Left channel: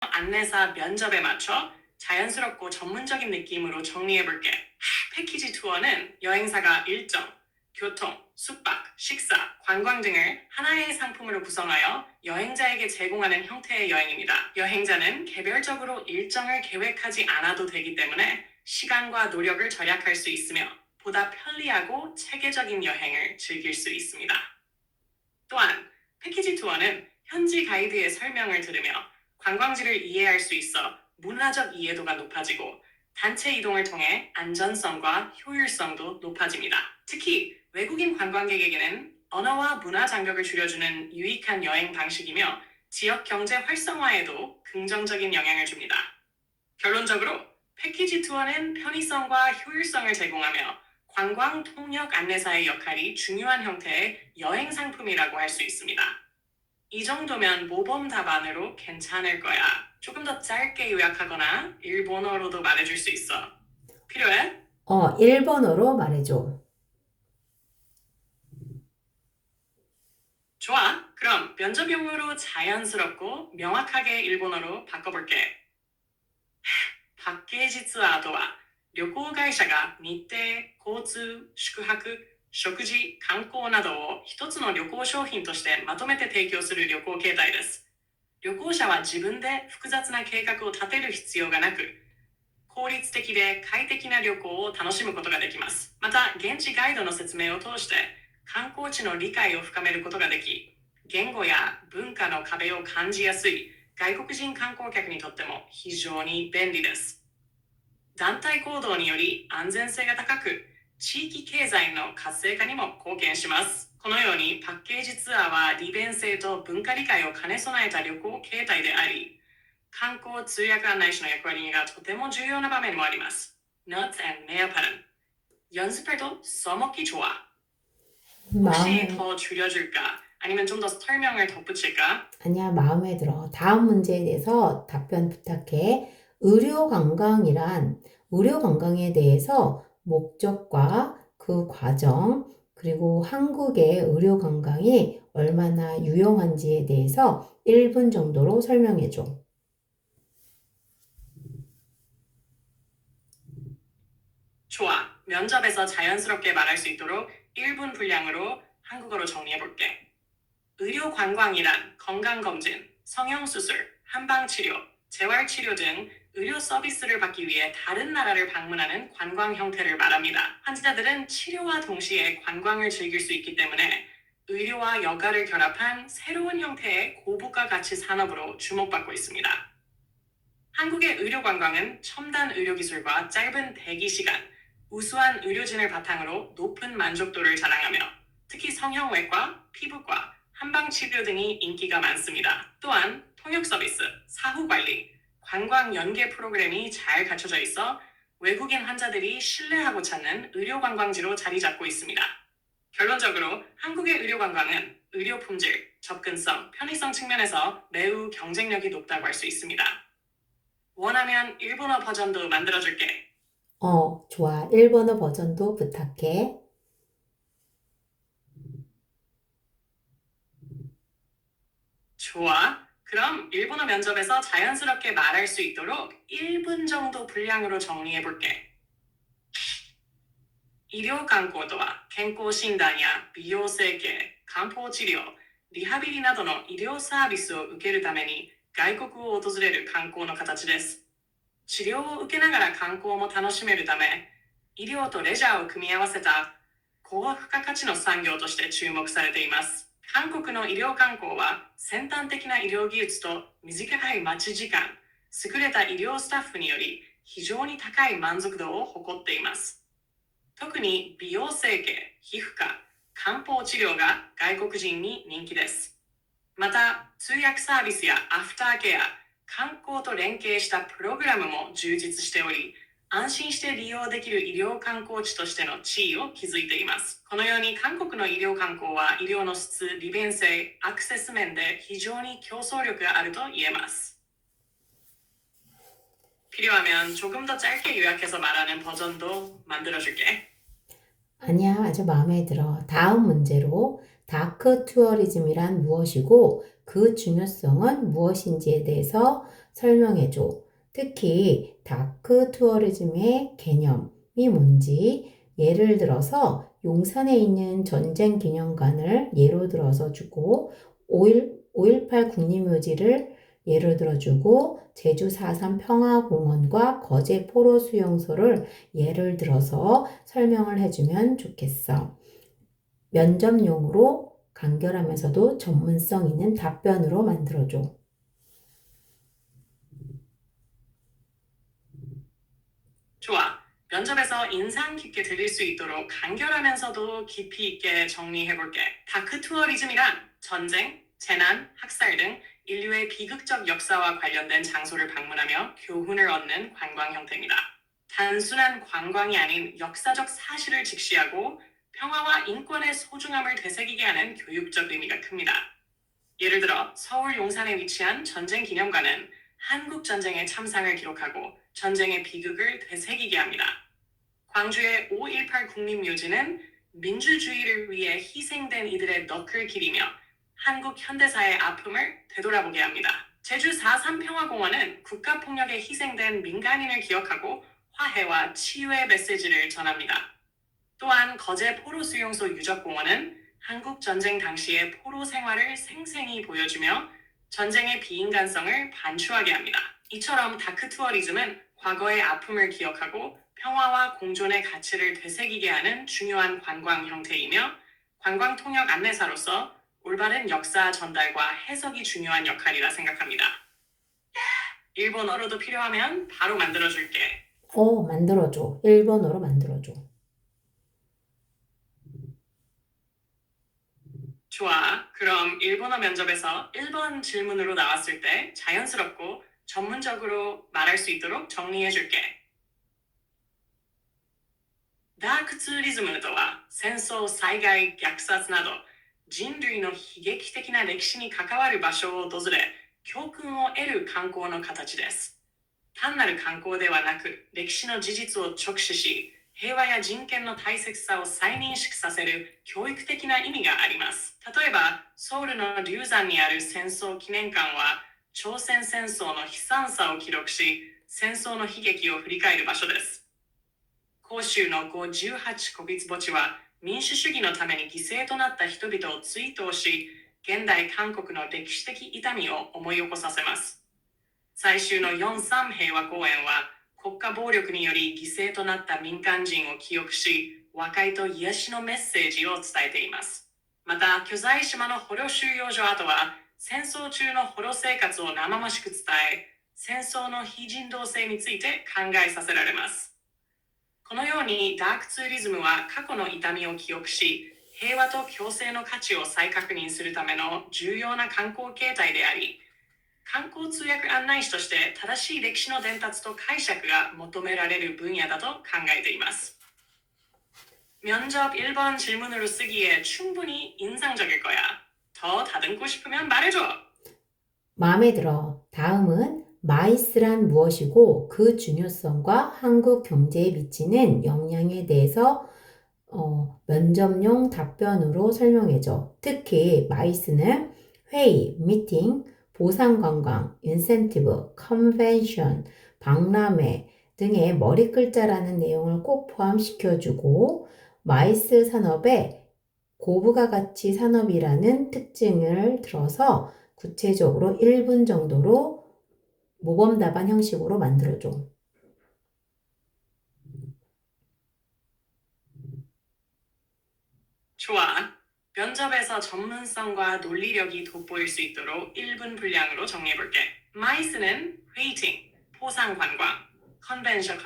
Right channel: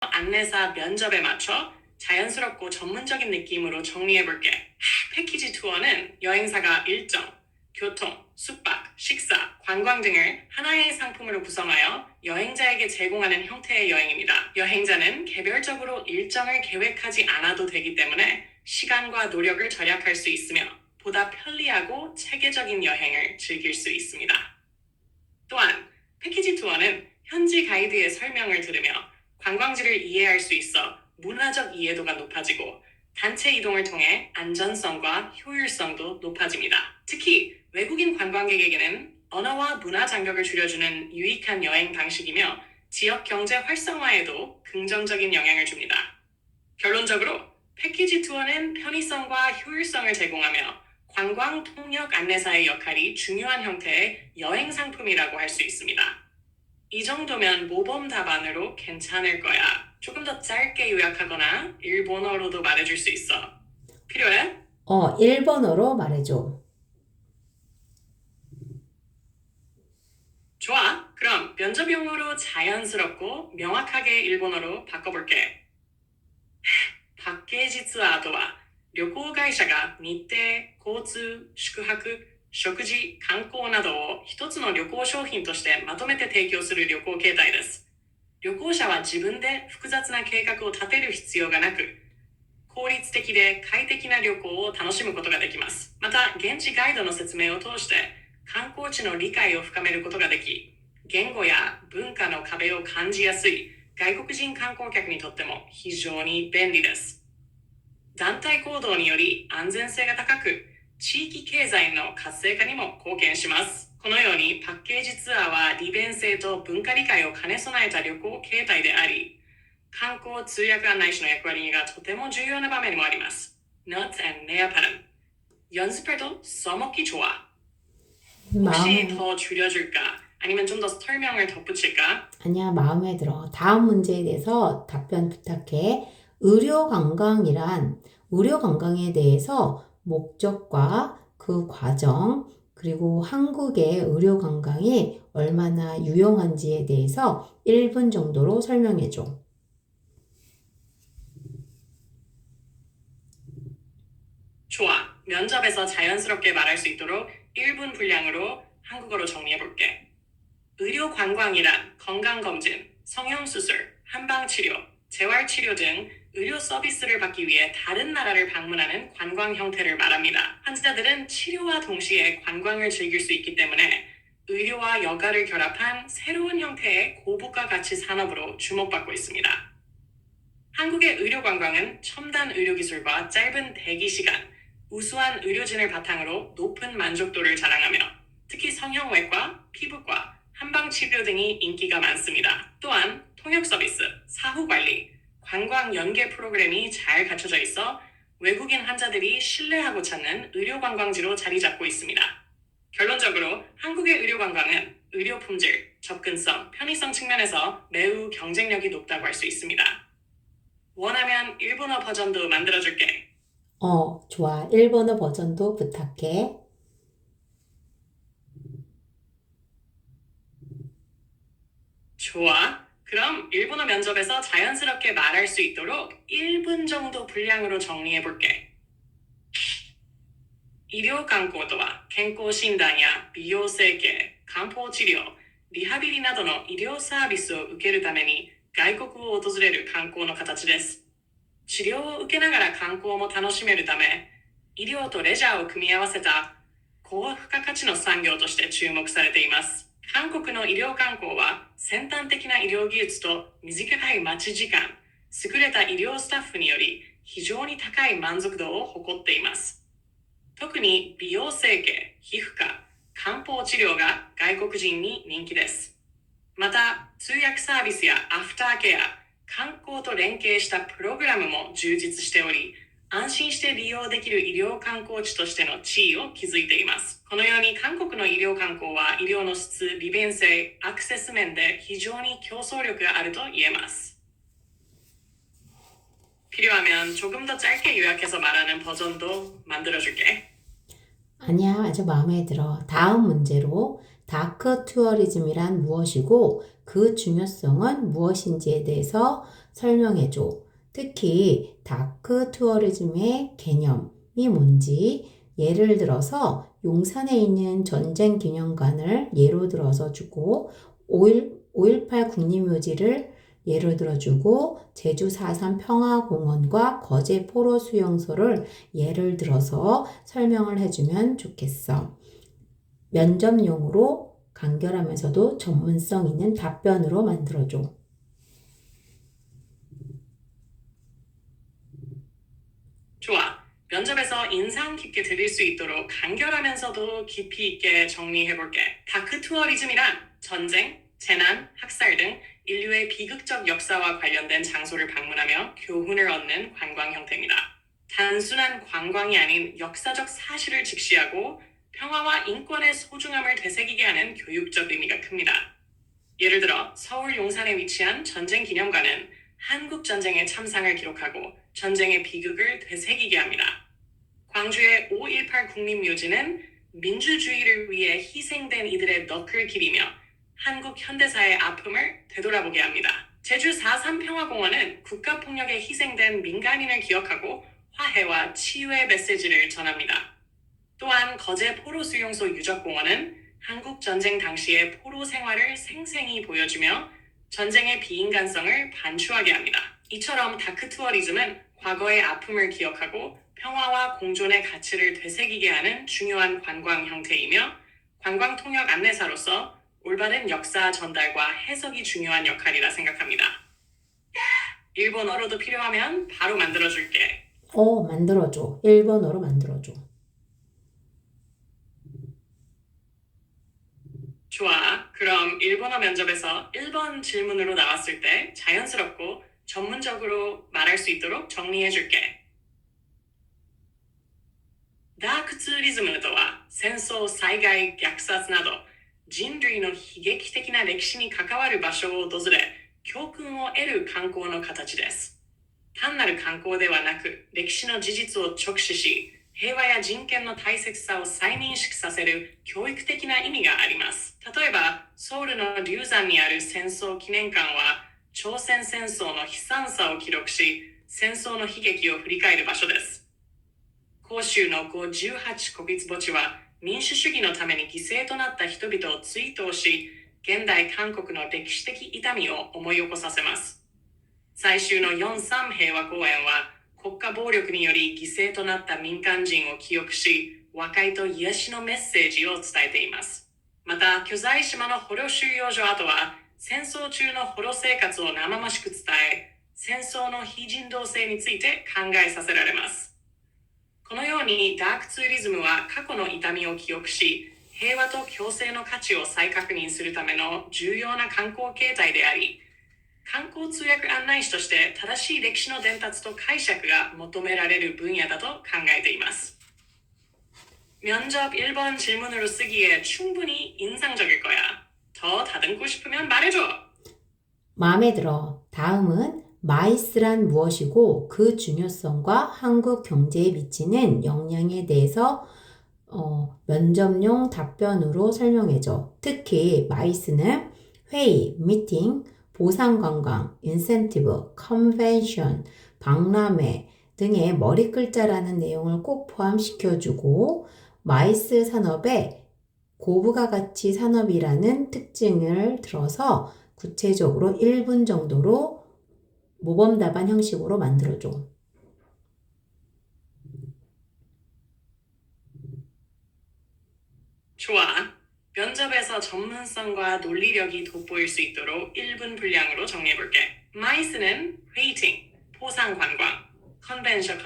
안내사 면접에 맞춰 자연스럽고 전문적인 느낌으로 정리해볼게. 패키지 투어는 여행사가 일정, 교통, 숙박, 식사, 관광 등을 하나의 상품으로 구성하여 여행자에게 제공하는 형태의 여행입니다. 여행자는 개별적으로 일정을 계획하지 않아도 되기 때문에 시간과 노력을 절약할 수 있으며 보다 편리하고 체계적인 여행을 즐길 수 있습니다. 또한 패키지 투어는 현지 가이드의 설명을 들으며 관광지를 이해할 수 있어 문화적 이해도가 높아지고 단체 이동을 통해 안전성과 효율성도 높아집니다. 특히 외국인 관광객에게는 언어와 문화 장벽을 줄여주는 유익한 여행 방식이며 지역 경제 활성화에도 긍정적인 영향을 줍니다. 결론적으로 패키지 투어는 편의성과 효율성을 제공하며 관광 통역 안내사의 역할이 중요한 형태의 여행 상품이라고 할 수 있습니다. 이 정도면 모범 답안으로 괜찮을 거야. 조금 더 짧게 요약하거나 일본어로도 말해줄 수 있어. 필요해? 일본어로 말해줘. 좋아. 그럼 면접 용어로 자연스럽고 명확하게 일본어로 바꿔볼게. パッケージツアーとは、旅行会社が日程、交通、宿泊、食事、観光などを一つの旅行商品としてまとめて提供する旅行形態です。旅行者は自分で複雑な計画を立てる必要がなく、効率的で快適な旅行を楽しむことができます。また、現地ガイドの説明を通して観光地の理解を深めることができ、言語や文化の壁を感じやすい外国人観光客にとっても非常に便利です。団体行動により安全性が高く、地域経済の活性化にも貢献します。このようにパッケージツアーは利便性と文化理解を兼ね備えた旅行形態であり、観光通訳案内士の役割がとても重要な場面もあります。Notes and 내어팔은 연습해도 써먹기 좋아. 혹시 마음에, 더 줄여줄까? 아니면 좀 더 설명을 덧붙일까? 아니야, 마음에 들어. 다음 문제에 대해서 답변 부탁해. 의료 관광에 대해서 목적과 그 과정, 그리고 한국의 의료 관광이 얼마나 유용한지에 대해서 1분 정도로 설명해 줘. 좋아. 면접에서 자연스럽게 말할 수 있도록 1분 분량으로 한국어로 정리해볼게. 의료 관광이란 건강검진, 성형수술, 한방치료, 재활치료 등 의료 서비스를 받기 위해 다른 나라를 방문하는 관광 형태를 말합니다. 환자들은 치료와 동시에 관광을 즐길 수 있기 때문에 의료와 여가를 결합한 새로운 형태의 고부가 가치 산업으로 주목받고 있습니다. 한국의 의료 관광은 첨단 의료 기술과 짧은 대기 시간, 우수한 의료진을 바탕으로 높은 만족도를 자랑하며 특히 성형외과, 피부과, 한방치료 등이 인기가 많습니다. 또한 통역 서비스, 사후관리, 관광 연계 프로그램이 잘 갖춰져 있어 외국인 환자들이 신뢰하고 찾는 의료 관광지로 자리 잡고 있습니다. 결론적으로 한국의 의료 관광은 의료 품질, 접근성, 편의성 측면에서 매우 경쟁력이 높다고 할 수 있습니다. 원하면 일본어 버전도 만들어줄게. 좋아. 일본어 버전도 부탁해. 좋아. 그럼 일본어 면접에서 자연스럽게 말할 수 있도록 1분 정도 분량으로 정리해볼게. 医療観光とは健康診断や美容整形、漢方治療、リハビリなどの医療サービスを受けるために外国を訪れる観光の形です。治療を受けながら観光も楽しめるため、医療とレジャーを組み合わせた高付加価値の産業として注目されています。韓国の医療観光は先端的な医療技術と短い待ち時間、優れた医療スタッフにより非常に高い満足度を誇っています。特に美容整形、皮膚科、漢方治療が外国人に人気です。また、通訳サービスやアフターケア、観光と連携したプログラムも充実しており、安心して利用できる医療観光地としての地位を築いています。このように韓国の医療観光は医療の質、利便性、アクセス面で非常に競争力があると言えます。필요하면 조금 더 짧게 요약해서 말하는 버전도 만들어줄게. 아니야, 아주 마음에 들어. 다음 문제로 다크 투어리즘이란 무엇이고 그 중요성은 무엇인지에 대해서 설명해줘. 특히 다크 투어리즘의 개념이 뭔지 예를 들어서 용산에 있는 전쟁 기념관을 예로 들어서 주고 5.18 국립묘지를 예를 들어주고 제주 4.3 평화공원과 거제 포로 수용소를 예를 들어서 설명을 해주면 좋겠어. 면접용으로 간결하면서도 전문성 있는 답변으로 만들어줘. 좋아. 면접에서 인상 깊게 들릴 수 있도록 간결하면서도 깊이 있게 정리해볼게. 다크 투어리즘이란 전쟁, 재난, 학살 등 인류의 비극적 역사와 관련된 장소를 방문하며 교훈을 얻는 관광 형태입니다. 단순한 관광이 아닌 역사적 사실을 직시하고 평화와 인권의 소중함을 되새기게 하는 교육적 의미가 큽니다. 예를 들어 서울 용산에 위치한 전쟁기념관은 한국 전쟁의 참상을 기록하고 전쟁의 비극을 되새기게 합니다. 광주의 5.18 국립묘지는 민주주의를 위해 희생된 이들의 넋을 기리며 한국 현대사의 아픔을 되돌아보게 합니다. 제주 4.3 평화공원은 국가폭력에 희생된 민간인을 기억하고 화해와 치유의 메시지를 전합니다. 또한 거제 포로수용소 유적공원은 한국 전쟁 당시의 포로 생활을 생생히 보여주며 전쟁의 비인간성을 반추하게 합니다. 이처럼 다크 투어리즘은 과거의 아픔을 기억하고 평화와 공존의 가치를 되새기게 하는 중요한 관광 형태이며 관광 통역 안내사로서 올바른 역사 전달과 해석이 중요한 역할이라 생각합니다. 일본어로도 필요하면 바로 만들어줄게. 만들어줘. 일본어로 만들어줘. 좋아. 그럼 일본어 면접에서 1번 질문으로 나왔을 때 자연스럽고 전문적으로 말할 수 있도록 정리해줄게.ダークツーリズムとは戦争、災害、虐殺など人類の悲劇的な歴史に関わる場所を訪れ教訓を得る観光の形です。単なる観光ではなく歴史の事実を直視し平和や人権の大切さを再認識させる教育的な意味があります。例えば、ソウルの龍山にある戦争記念館は、朝鮮戦争の悲惨さを記録し、戦争の悲劇を振り返る場所です。広州の5 18古筆墓地は、民主主義のために犠牲となった人々を追悼し、現代韓国の歴史的痛みを思い起こさせます。最終の4.3平和公園は、国家暴力により犠牲となった民間人を記憶し、和解と癒しのメッセージを伝えています。また、巨大島の捕虜収容所跡は、戦争中の捕虜生活を生々しく伝え、戦争の非人道性について考えさせられます。このように、ダークツーリズムは過去の痛みを記憶し、平和と共生の価値を再確認するための重要な観光形態であり、観光通訳案内士として正しい歴史の伝達と解釈が求められる分野だと考えています。면접 1번 질문으로 쓰기에 충분히 인상적일 거야. 더 다듬고 싶으면 말해줘. 마음에 들어. 다음은 마이스란 무엇이고 그 중요성과 한국 경제에 미치는 영향에 대해서 면접용 답변으로 설명해줘. 특히 마이스는 회의, 미팅, 보상관광, 인센티브, 컨벤션, 박람회 등의 머리글자라는 내용을 꼭 포함시켜주고 마이스 산업의 고부가 가치 산업이라는 특징을 들어서 구체적으로 1분 정도로 모범 답안 형식으로 만들어줘. 좋아. 면접에서 전문성과 논리력이 돋보일 수 있도록 1분 분량으로 정리해볼게. 마이스는 웨이팅, 포상관광, 컨벤션,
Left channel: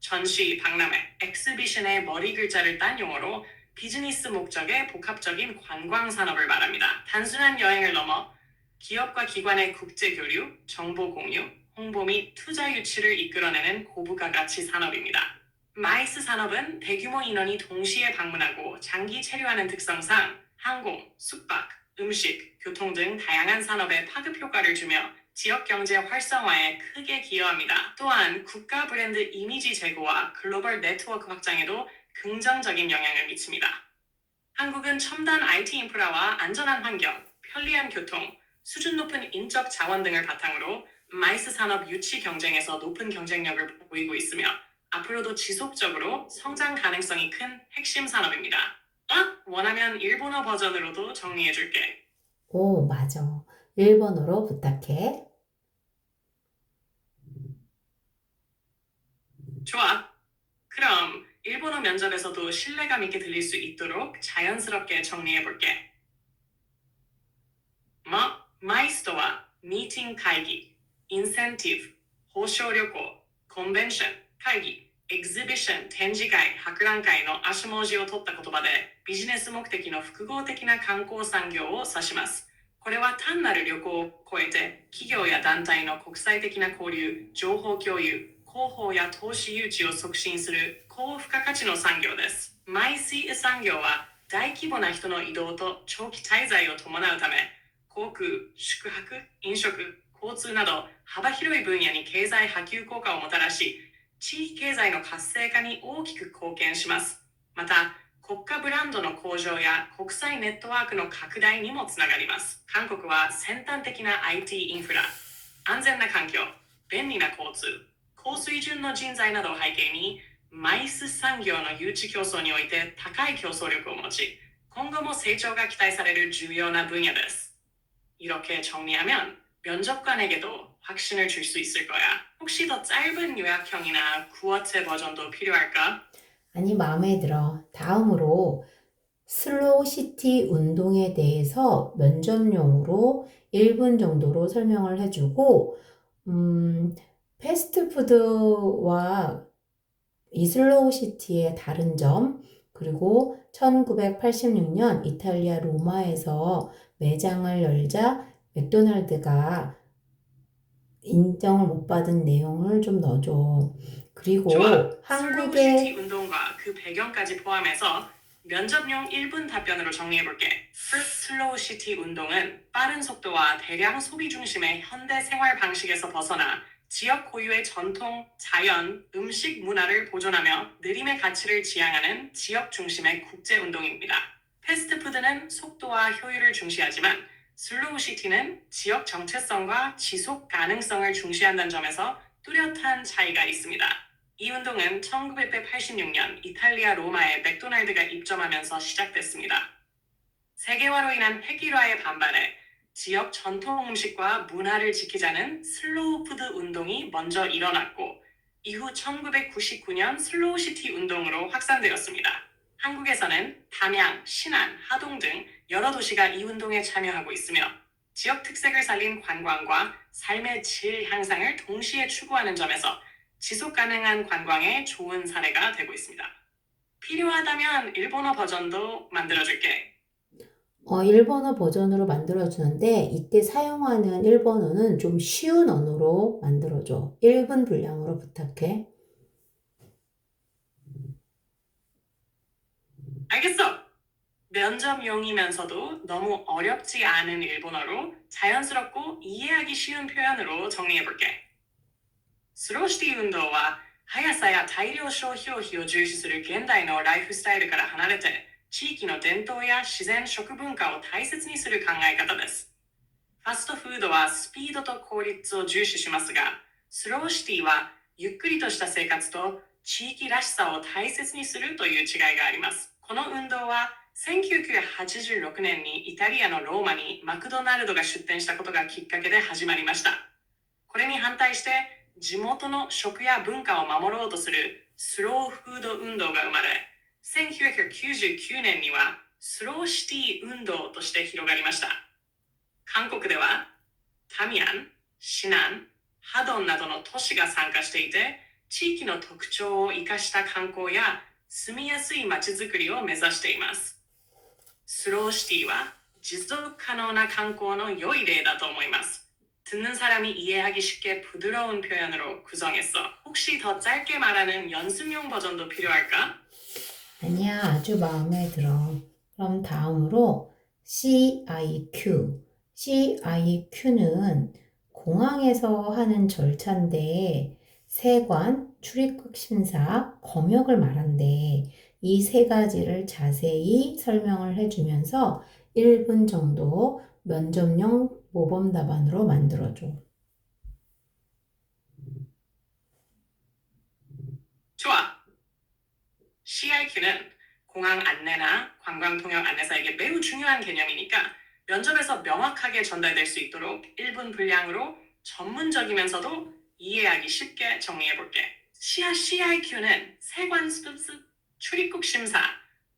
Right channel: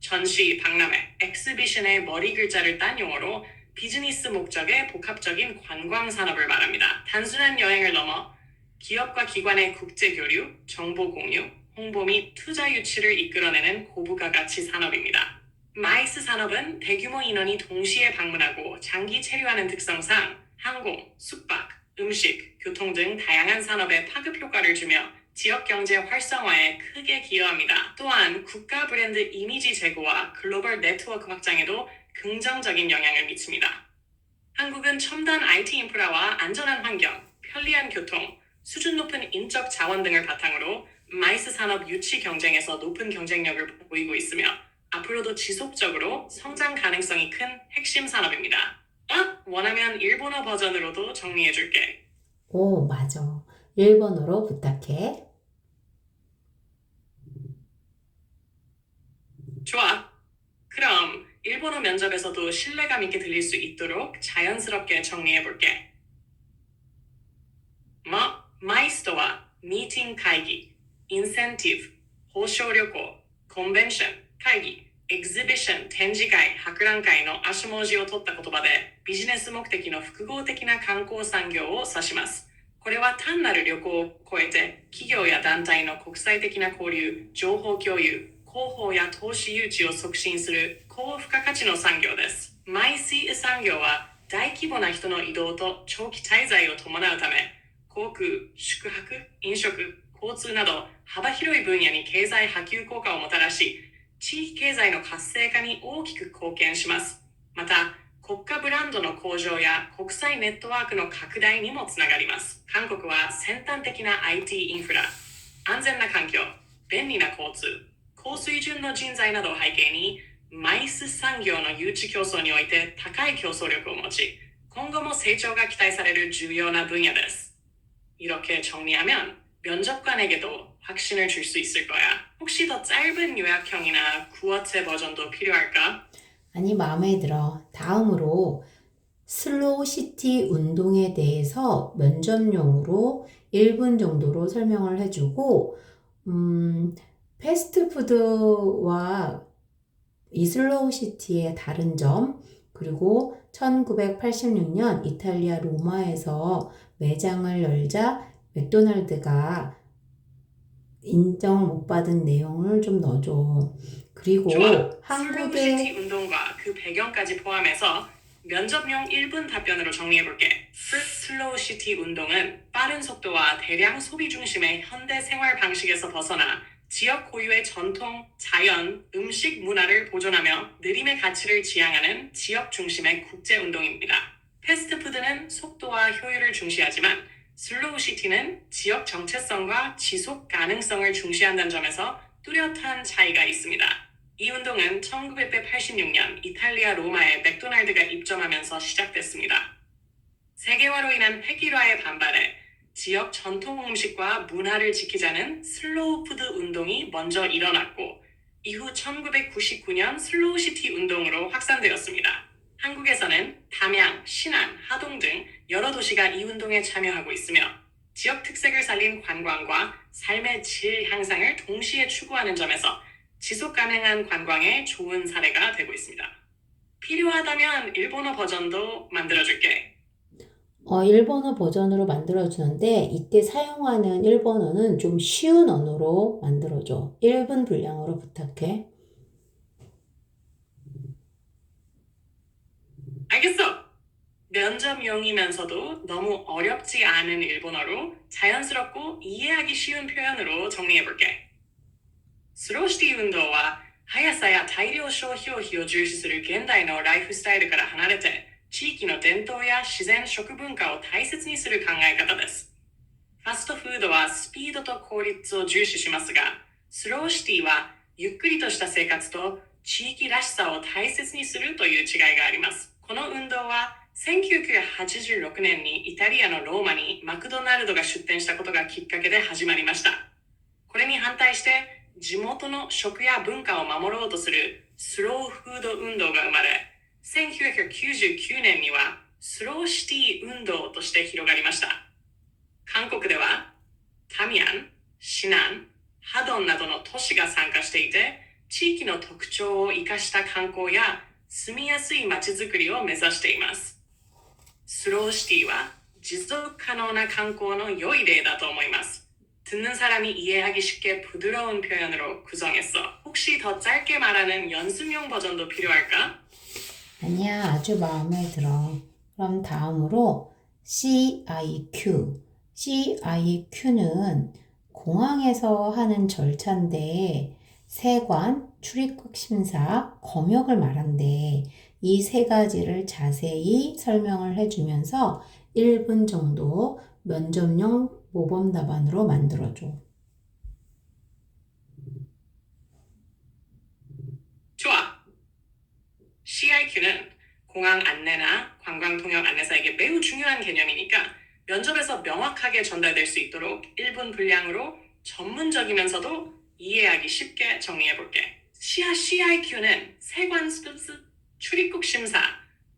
전시, 박람회, 엑스비션의 머리 글자를 딴 용어로 비즈니스 목적의 복합적인 관광 산업을 말합니다. 단순한 여행을 넘어 기업과 기관의 국제 교류, 정보 공유, 홍보 및 투자 유치를 이끌어내는 고부가 가치 산업입니다. 마이스 산업은 대규모 인원이 동시에 방문하고 장기 체류하는 특성상 항공, 숙박, 음식, 교통 등 다양한 산업에 파급 효과를 주며 지역 경제 활성화에 크게 기여합니다. 또한 국가 브랜드 이미지 제고와 글로벌 네트워크 확장에도 긍정적인 영향을 미칩니다. 한국은 첨단 IT 인프라와 안전한 환경, 편리한 교통, 수준 높은 인적 자원 등을 바탕으로 마이스 산업 유치 경쟁에서 높은 경쟁력을 보이고 있으며 앞으로도 지속적으로 성장 가능성이 큰 핵심 산업입니다. 원하면 일본어 버전으로도 정리해줄게. 오, 맞아. 일본어로 부탁해. 좋아. 그럼 일본어 면접에서도 신뢰감 있게 들릴 수 있도록 자연스럽게 정리해볼게.マイスとはミーティング会議、インセンティブ、報奨旅行、コンベンション、会議、エグゼビション、展示会、博覧会の足文字を取った言葉でビジネス目的の複合的な観光産業を指します。これは単なる旅行を超えて企業や団体の国際的な交流、情報共有、広報や投資誘致を促進する高付加価値の産業です。マイシー産業は大規模な人の移動と長期滞在を伴うため、航空、宿泊、飲食、交通など幅広い分野に経済波及効果をもたらし、地域経済の活性化に大きく貢献します。また、国家ブランドの向上や国際ネットワークの拡大にもつながります。韓国は先端的な IT インフラ、安全な環境、便利な交通、高水準の人材などを背景に、マイス産業の誘致競争において高い競争力を持ち、今後も成長が期待される重要な分野です。이렇게 정리하면 면접관에게도 확신을 줄 수 있을 거야. 혹시 더 짧은 요약형이나 구어체 버전도 필요할까? 아니, 마음에 들어. 다음으로 슬로우 시티 운동에 대해서 면접용으로 1분 정도로 설명을 해주고, 패스트푸드와 이 슬로우 시티의 다른 점, 그리고 1986년 이탈리아 로마에서 매장을 열자 맥도날드가 인정을 못 받은 내용을 좀 넣어줘. 그리고 좋아. 슬로우 한국의 시티 운동과 그 배경까지 포함해서 면접용 1분 답변으로 정리해볼게. 슬로우 시티 운동은 빠른 속도와 대량 소비 중심의 현대 생활 방식에서 벗어나 지역 고유의 전통, 자연, 음식 문화를 보존하며 느림의 가치를 지향하는 지역 중심의 국제 운동입니다. 패스트푸드는 속도와 효율을 중시하지만 슬로우 시티는 지역 정체성과 지속 가능성을 중시한다는 점에서 뚜렷한 차이가 있습니다. 이 운동은 1986년 이탈리아 로마에 맥도날드가 입점하면서 시작됐습니다. 세계화로 인한 폐기화에 반발해 지역 전통 음식과 문화를 지키자는 슬로우 푸드 운동이 먼저 일어났고 이후 1999년 슬로우 시티 운동으로 확산되었습니다. 한국에서는 담양, 신안, 하동 등 여러 도시가 이 운동에 참여하고 있으며 지역 특색을 살린 관광과 삶의 질 향상을 동시에 추구하는 점에서 지속 가능한 관광의 좋은 사례가 되고 있습니다. 필요하다면 일본어 버전도 만들어줄게. 일본어 버전으로 만들어주는데 이때 사용하는 일본어는 좀 쉬운 언어로 만들어줘. 1분 분량으로 부탁해. 알겠어. 면접용이면서도 너무 어렵지 않은 일본어로 자연스럽고 이해하기 쉬운 표현으로 정리해볼게.スローシティ運動は速さや大量消費を重視する現代のライフスタイルから離れて地域の伝統や自然食文化を大切にする考え方です。ファストフードはスピードと効率を重視しますが、スローシティはゆっくりとした生活と地域らしさを大切にするという違いがあります。この運動は1986年にイタリアのローマにマクドナルドが出店したことがきっかけで始まりました。これに反対して地元の食や文化を守ろうとするスローフード運動が生まれ、1999年にはスローシティ運動として広がりました。韓国ではタミヤン、シナン、ハドンなどの都市が参加していて、地域の特徴を生かした観光や住みやすい街づくりを目指しています。スローシティは持続可能な観光の良い例だと思います。듣는 사람이 이해하기 쉽게 부드러운 표현으로 구성했어. 혹시 더 짧게 말하는 연습용 버전도 필요할까? 아니야, 아주 마음에 들어. 그럼 다음으로 CIQ. CIQ는 공항에서 하는 절차인데 세관, 출입국 심사, 검역을 말한대. 이 세 가지를 자세히 설명을 해주면서 1분 정도 면접용 모범 답안으로 만들어줘. CIQ는 공항 안내나 관광 통역 안내사에게 매우 중요한 개념이니까 면접에서 명확하게 전달될 수 있도록 1분 분량으로 전문적이면서도 이해하기 쉽게 정리해볼게. CIQ는 세관 출입국 심사,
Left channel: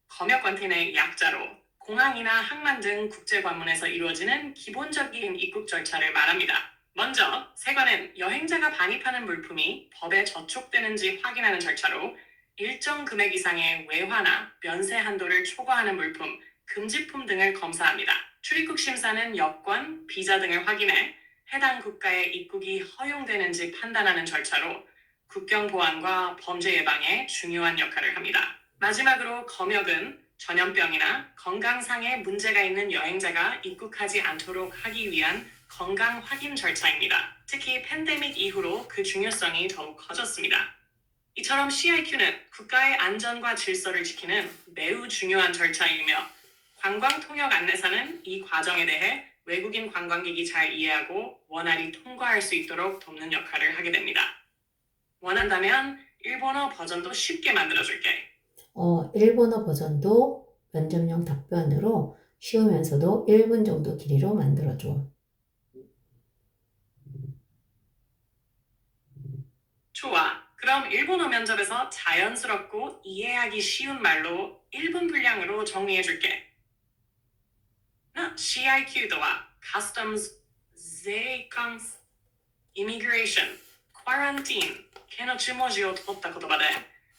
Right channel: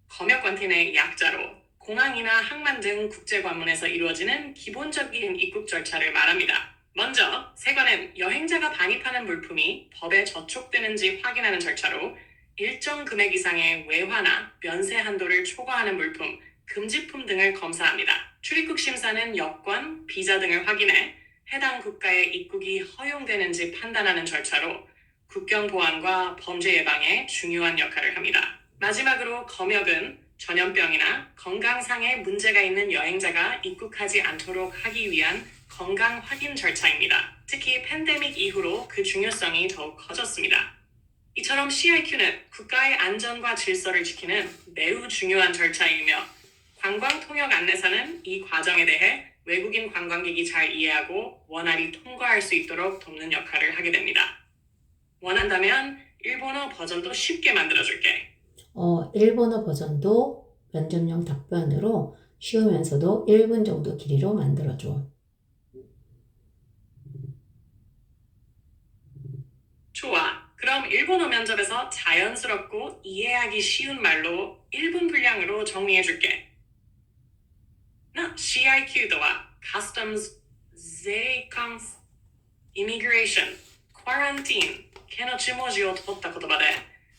검역 관팀의 약자로 공항이나 항만 등 국제 관문에서 이루어지는 기본적인 입국 절차를 말합니다. 먼저 세관은 여행자가 반입하는 물품이 법에 저촉되는지 확인하는 절차로 일정 금액 이상의 외화나 면세 한도를 초과하는 물품, 금지품 등을 검사합니다. 출입국 심사는 여권, 비자 등을 확인해 해당 국가에 입국이 허용되는지 판단하는 절차로 국경 보안과 범죄 예방에 중요한 역할을 합니다. 마지막으로 검역은 전염병이나 건강상의 문제가 있는 여행자가 입국하지 않도록 하기 위한 건강 확인 절차입니다. 특히 팬데믹 이후로 그 중요성이 더욱 커졌습니다. 이처럼 CIQ는 국가의 안전과 질서를 지키는 매우 중요한 절차이며 관광 통역 안내사는 이 과정에 대해 외국인 관광객이 잘 이해하고 원활히 통과할 수 있도록 돕는 역할을 하게 됩니다. 원한다면 일본어 버전도 쉽게 만들어줄게. 일본어 버전도 면접용 답변으로 쉬우면서도 1분 정도 길이로 만들어줘. 좋아. 그럼 일본어 면접에서 자연스럽고 이해하기 쉬운 말로 1분 분량으로 정리해줄게. CIQ とは Customs、税関、Immigration、Quarantine、系の注文字を取った言葉で、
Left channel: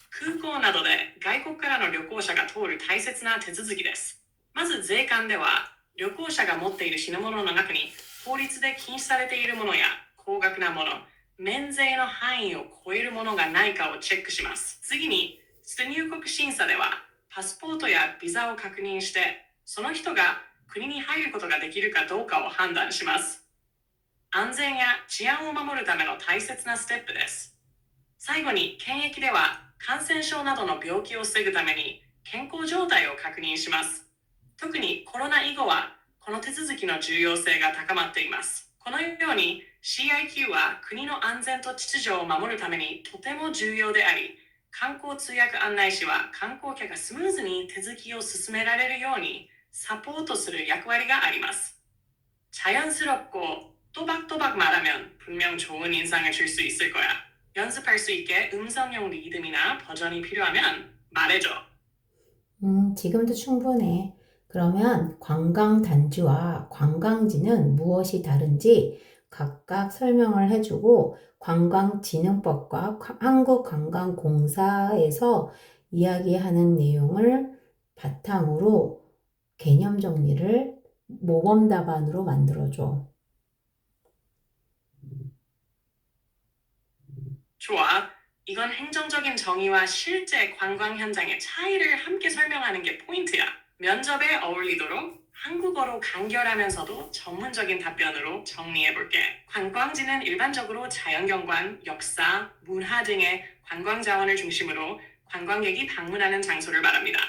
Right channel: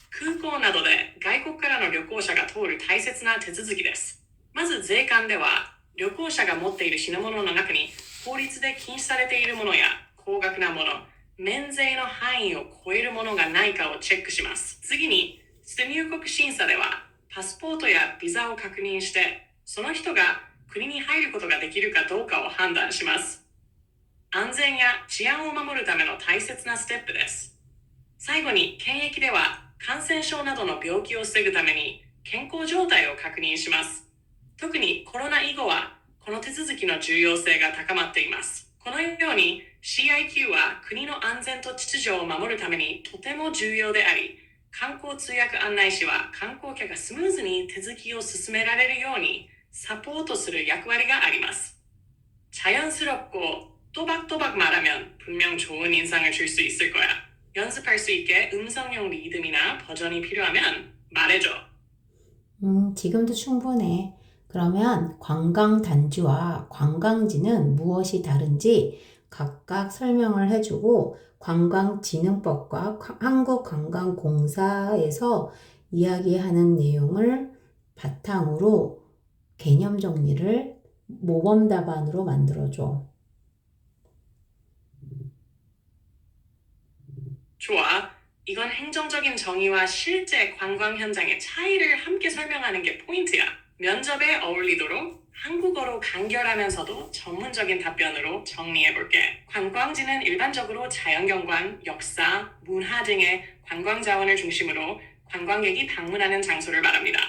空港などで外国からの旅行者が通る大切な手続きです。まず税関では、旅行者が持っている品物の中に法律で禁止されているものや高額なもの、免税の範囲を超えるものがないかをチェックします。次に、出入国審査では、パスポートやビザを確認して、その人が国に入ることができるかどうかを判断します。安全や治安を守るための大切なステップです。最後に検疫では感染症などの病気を防ぐために健康状態を確認します。特にコロナ以後はこの手続きの重要性が高まっています。このように CIQ は国の安全と秩序を守るためにとても重要であり、観光通訳案内士は観光客がスムーズに手続きを進められるようにサポートする役割があります. 자연스럽고 또박또박 말하면 분명 좋은 인상을 줄 수 있을 거야. 연습할 수 있게 음성용 리듬이나 버전이 필요하면 말해줘. 지금도 충분해. 그러면 관광단지와 관광지는 무엇이 다른지 각각 설명을 해주고 관광진흥법과 한국관광공사에서 이야기하는 내용을 바탕으로 개념 정리를 모범 답안으로 만들어줘. 좋아. 이건 행정적인 정의와 실제 관광 현장의 차이를 함께 설명하는 게 포인트야. 면접에 어울리도록 한국어로 간결하면서도 전문적인 답변으로 정리해볼게. 관광지는 일반적으로 자연경관, 역사, 문화 등의 관광 자원을 중심으로 관광객이 방문하는 장소를 말합니다.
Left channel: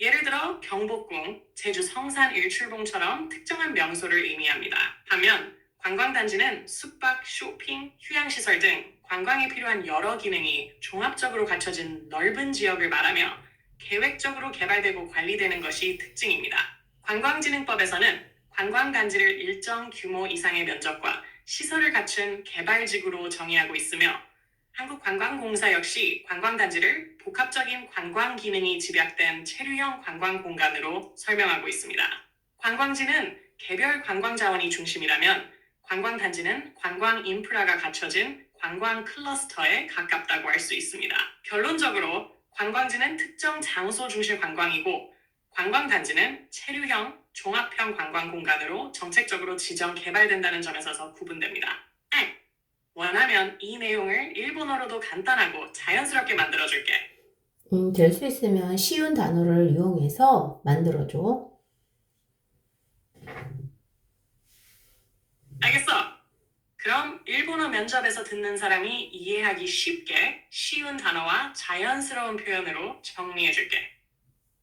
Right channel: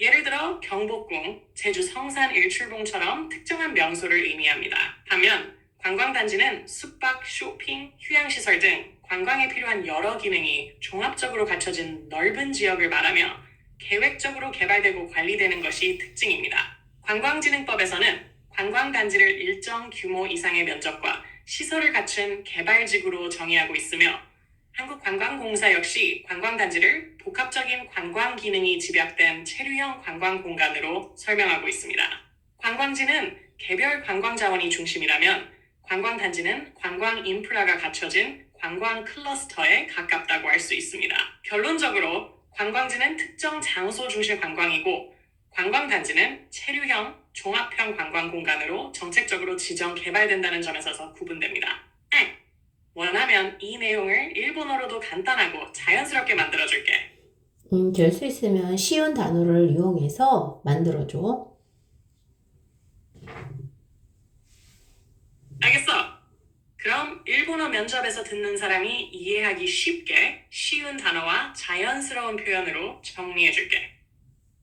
예를 들어 경복궁, 제주 성산 일출봉처럼 특정한 명소를 의미합니다. 반면 관광단지는 숙박, 쇼핑, 휴양시설 등 관광에 필요한 여러 기능이 종합적으로 갖춰진 넓은 지역을 말하며 계획적으로 개발되고 관리되는 것이 특징입니다. 관광진흥법에서는 관광단지를 일정 규모 이상의 면적과 시설을 갖춘 개발지구로 정의하고 있으며 한국관광공사 역시 관광단지를 복합적인 관광 기능이 집약된 체류형 관광공간으로 설명하고 있습니다. 관광지는 개별 관광 자원이 중심이라면 관광단지는 관광 인프라가 갖춰진 관광 클러스터에 가깝다고 할 수 있습니다. 결론적으로 관광지는 특정 장소 중심 관광이고 관광단지는 체류형, 종합형 관광공간으로 정책적으로 지정 개발된다는 점에서 구분됩니다. 원하면 이 내용을 일본어로도 간단하고 자연스럽게 만들어줄게. 될 수 있으면 쉬운 단어를 이용해서 만들어줘. 알겠어. 그럼 일본어 면접에서 듣는 사람이 이해하기 쉽게 쉬운 단어와 자연스러운 표현으로 정리해줄게.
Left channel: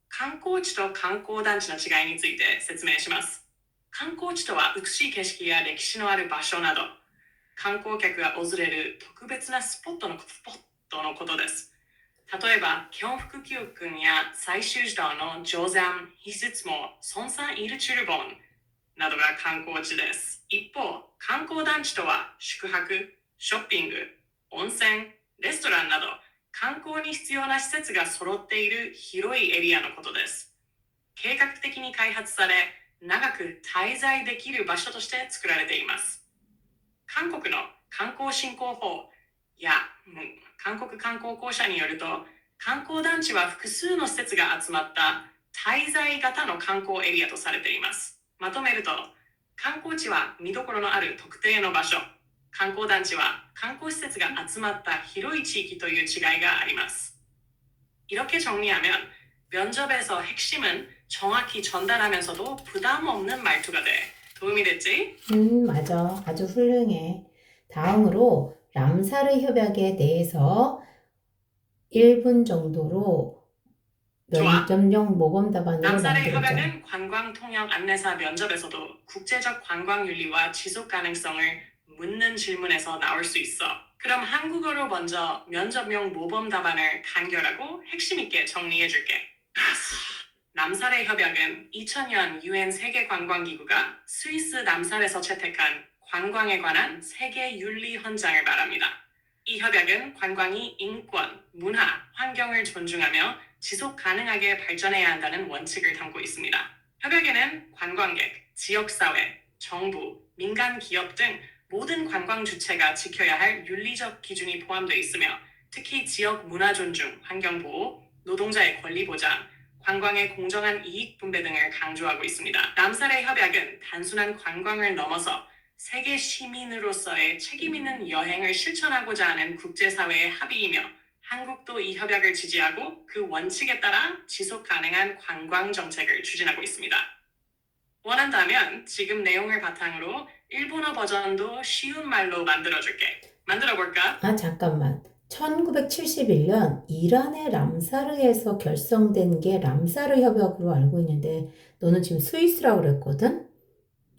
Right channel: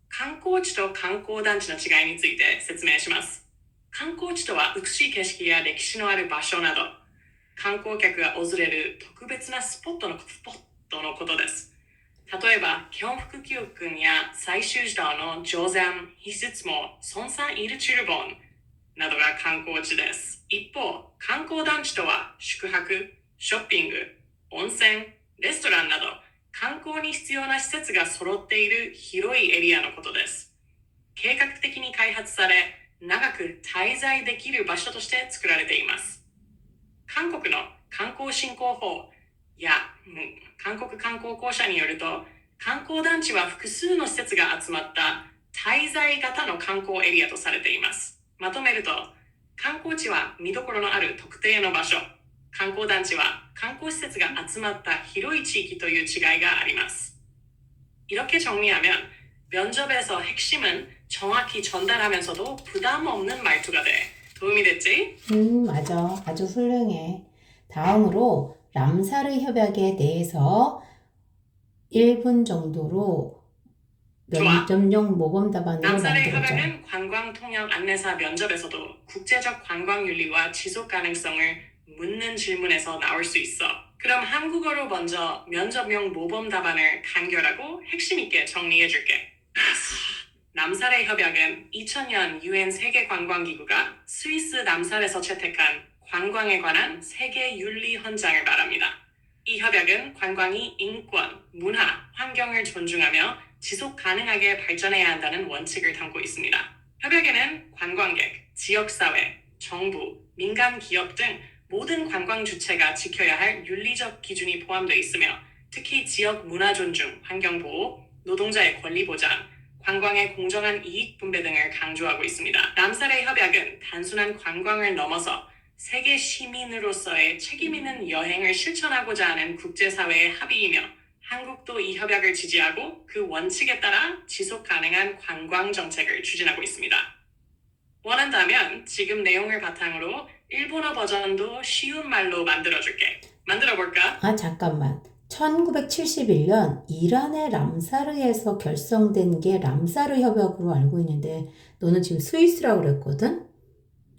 観光地と観光団地の違いについて説明します。観光地とは美しい景色や歴史のある場所など、観光客が訪れる特別なスポットのことです。例えば、基本副級訓や最終時道の定山、非質も、孫山イルチュルボンなどが観光地です。一方、観光団地とは宿泊、ショッピング、温泉、レストランなど観光に必要な施設が揃っている広いエリアのことです。計画的に開発され、長く滞在できる場所として作られています。韓国の観光振興法や韓国観光公社によると、観光団地は複数の施設が集まった滞在型の観光エリアとされています。まとめると、観光地は見どころのある特定の場所、観光団地は観光施設が集まった広い地域という違いがあります. 이렇게 정리하면 면접에서 핵심은 정확히 전달하면서도 부담 없는 말투가 돼. 도움이 됐지? 맞아. 아주 훌륭해. 다음으로 람사르 협약에 대해서 1분 정도로 좋아. 면접용 모범 답안을 남사르의 만들어줘. 협약은 관광통역 안내사 면접에서도 국제적 관광윤리와 지속 가능성을 묻는 질문에서 나올 수 있어. 그럼 한국어로 먼저 면접용 모범 답안을 간결하고 핵심 있게 정리해줄게. 남사르의 협약은 2000년 UN 세계관광기구가 스위스 남살에서 채택한 관광에 관한 세계 윤리 헌장을 말합니다. 이 협약은 관광이 인권, 문화, 환경을 존중하며 지속 가능하게 발전해야 한다는 원칙을 담고 있습니다. 협약에는 관광객, 지역사회, 정부, 민간 기업 등 모든 관광 주체가 지켜야 할 윤리적 기준이 포함되어 있으며 특히 지역 문화 존중, 환경 보호, 노동자의 권리 보장, 관광의 공정한 이익 분배 등을 강조하고 있습니다. 남사르의 협약은 단순한 관광을 넘어서 세계 시민으로서의 책임 있는 여행을 실천하고자 하는 국제사회의 합의이며 한국도 이 협약을 지지하고 그 원칙에 따라 지속 가능한 관광 정책을 추진하고 있습니다. 원한다면 지금 내용을 바탕으로 일본어 버전도 쉬운 말로 만들어줄게. 만들어볼까? 잠깐만. 1971년 이란의 람사르에서 결성된 게 람사르 협약으로 알고 있는데 너는 지금 스위스라고 그랬거든?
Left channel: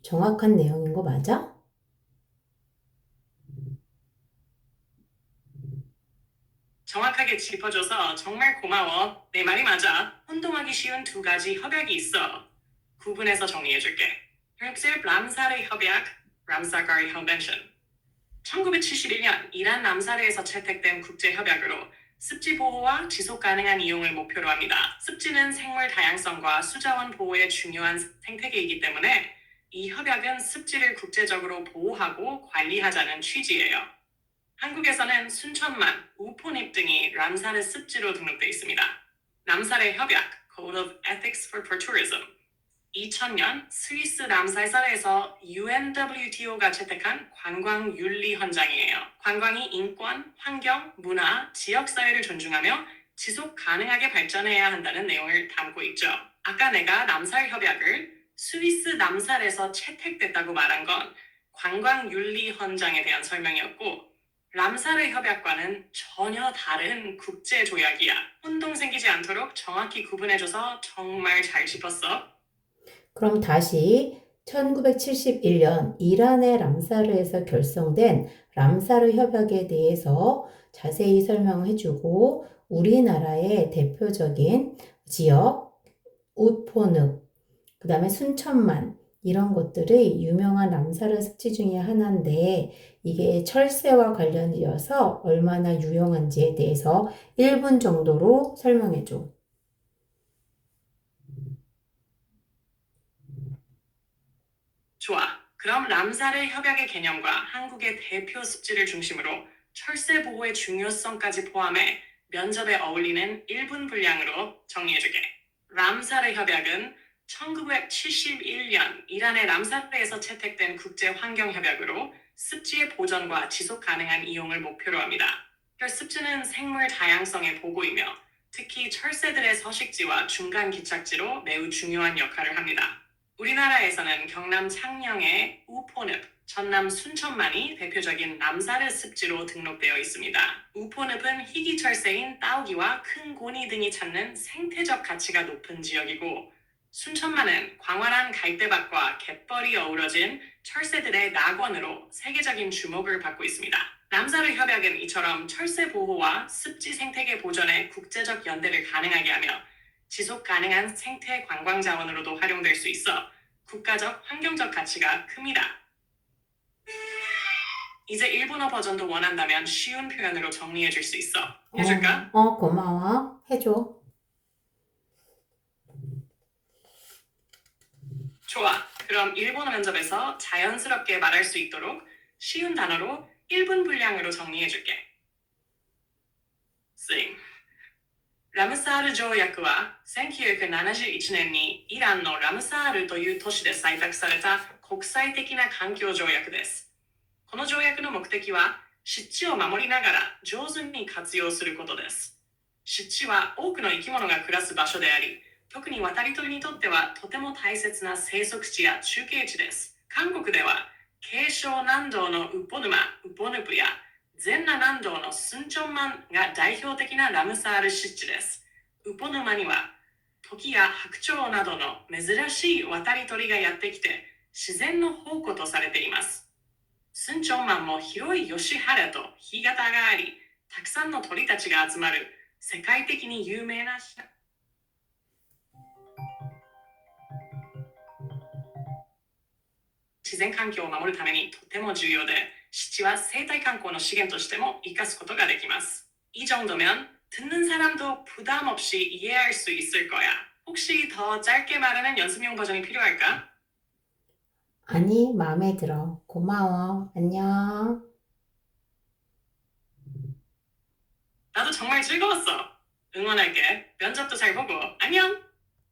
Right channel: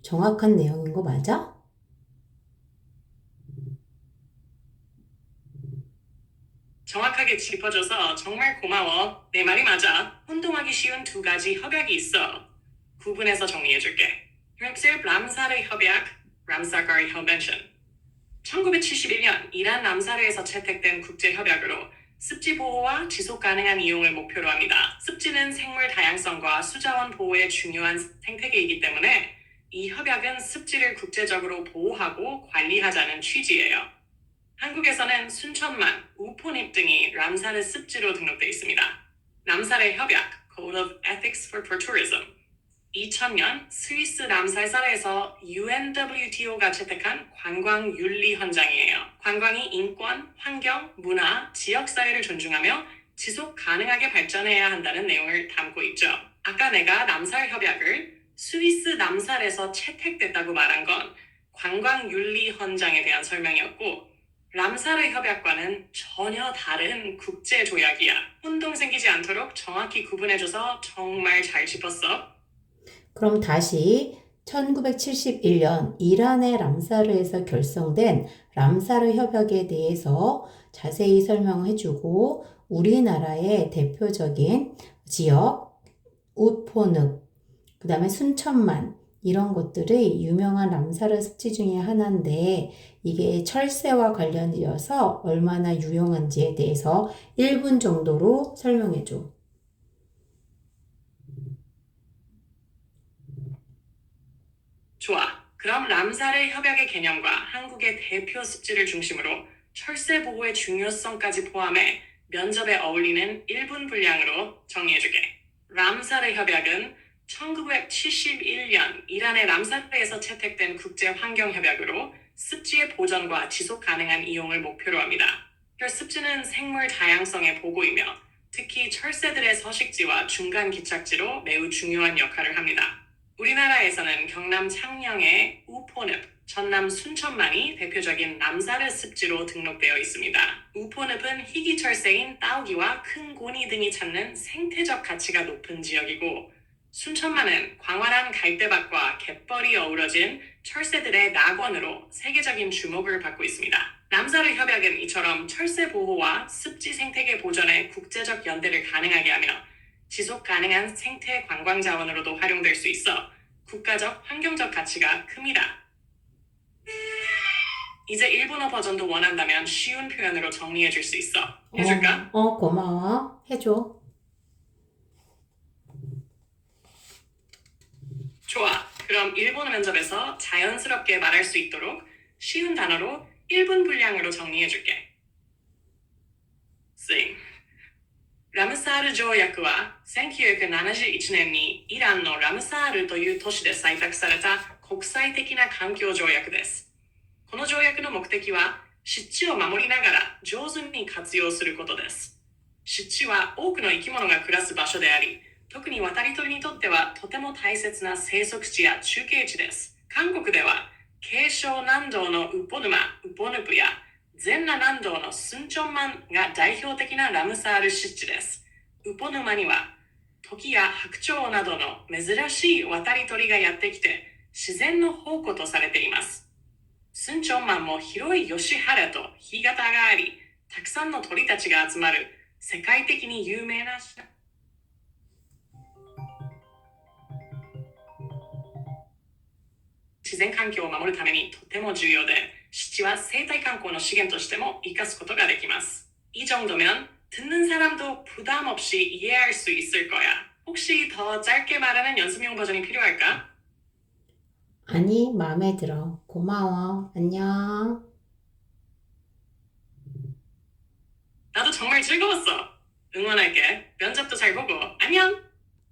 정확한 내용인 거 맞아? 정확하게 짚어줘서 정말 고마워. 내 말이 맞아. 혼동하기 쉬운 두 가지 협약이 있어. 구분해서 정리해줄게. 람사르 협약, 람사르 컨벤션. 1971년 이란 람사르에서 채택된 국제협약으로 습지 보호와 지속 가능한 이용을 목표로 합니다. 습지는 생물 다양성과 수자원 보호에 중요한 생태계이기 때문에 이 협약은 습지를 국제적으로 보호하고 관리하자는 취지예요. 한국에서는 순천만, 우포늪 등이 람사르 습지로 등록돼 있습니다. 람사르 협약, Code of Ethics for Tourism. 2000년 스위스 람살사르에서 UNWTO가 채택한 관광윤리 헌장이에요. 관광이 인권, 환경, 문화, 지역사회를 존중하며 지속 가능하게 발전해야 한다는 내용을 담고 있죠. 아까 내가 람살 협약을 스위스 람살에서 채택됐다고 말한 건 관광윤리 헌장에 대한 설명이었고 람사르 협약과는 전혀 다른 국제조약이야. 혼동 생기지 않도록 정확히 구분해줘서 정말 잘 짚었어. 그럼 다시 1971년 이란의 람사르에서 결성된 람사르 협약에 대해서 자세히 설명해주고 우리나라의 대표적인 지역, 우포늪, 그 다음에 순천만 이런 것들이 유명한 람사르 습지 중에 하나인데 이게 철새와 관련이어서 얼마나 유용한지에 대해서 1분 정도로 설명해줘. 좋아. 그럼 람사르 협약의 개념과 한국의 대표 습지를 중심으로 철새 보호의 중요성까지 포함해 면접에 어울리는 1분 분량으로 정리해주게. 람사르 협약은 1971년 이란의 람사르에서 채택된 국제환경협약으로 습지의 보전과 지속 가능한 이용을 목표로 합니다. 습지는 생물 다양성의 보고이며 특히 철새들의 서식지와 중간 기착지로 매우 중요한 역할을 합니다. 우리나라에서는 경남 창녕의 우포늪, 전남 순천만이 대표적인 람사르 습지로 등록되어 있습니다. 우포늪은 희귀철새인 따오기와 큰 고니 등이 찾는 생태적 가치가 높은 지역이고 순천만은 광활한 갈대밭과 갯벌이 어우러진 철새들의 낙원으로 세계적인 주목을 받고 있습니다. 람사르 협약은 이처럼 철새 보호와 습지 생태계 보존의 국제적 연대를 가능하게 하며 지속 가능한 생태 관광 자원으로도 활용될 수 있어 국가적 환경적 가치가 큽니다. 이제 일본어 버전도 원한다면 쉬운 표현으로 정리해 줄 수 있어. 해줄까? 고마워. 해줘. 좋아. 그럼 일본어 면접에서 자연스럽게 말할 수 있도록 쉬운 단어로 1분 분량으로 정리해 줄게. 싱.ラムサール条約は1971年にイランのラムサールという都市で採択された国際的な環境条約です。この条約の目的は湿地を守りながら上手に活用することです。湿地は多くの生き物が暮らす場所であり、特に渡り鳥にとってはとても大切な生息地や中継地です。韓国では慶尚南道のウポ沼、ウポヌプや全羅南道のスンチョンマンが代表的なラムサール湿地です。ウポ沼にはトキや白鳥などの珍しい渡り鳥がやってきて自然の宝庫とされています。スンチョンマンも広い吉原と干潟があり、たくさんの鳥たちが集まる世界的に有名な自然環境を守るためにとても重要で、湿地は生態観光の資源としても生かすことができます。이 정도면 듣는 사람도 부담 없이 이해할 수 있을 거야. 혹시 더 짧게 말하는 연습용 버전이 필요할까? 아니, 마음에 들어. 고마워. 안녕. 나도 정말 즐거웠어. 응원할게. 면접도 잘 보고. 안녕!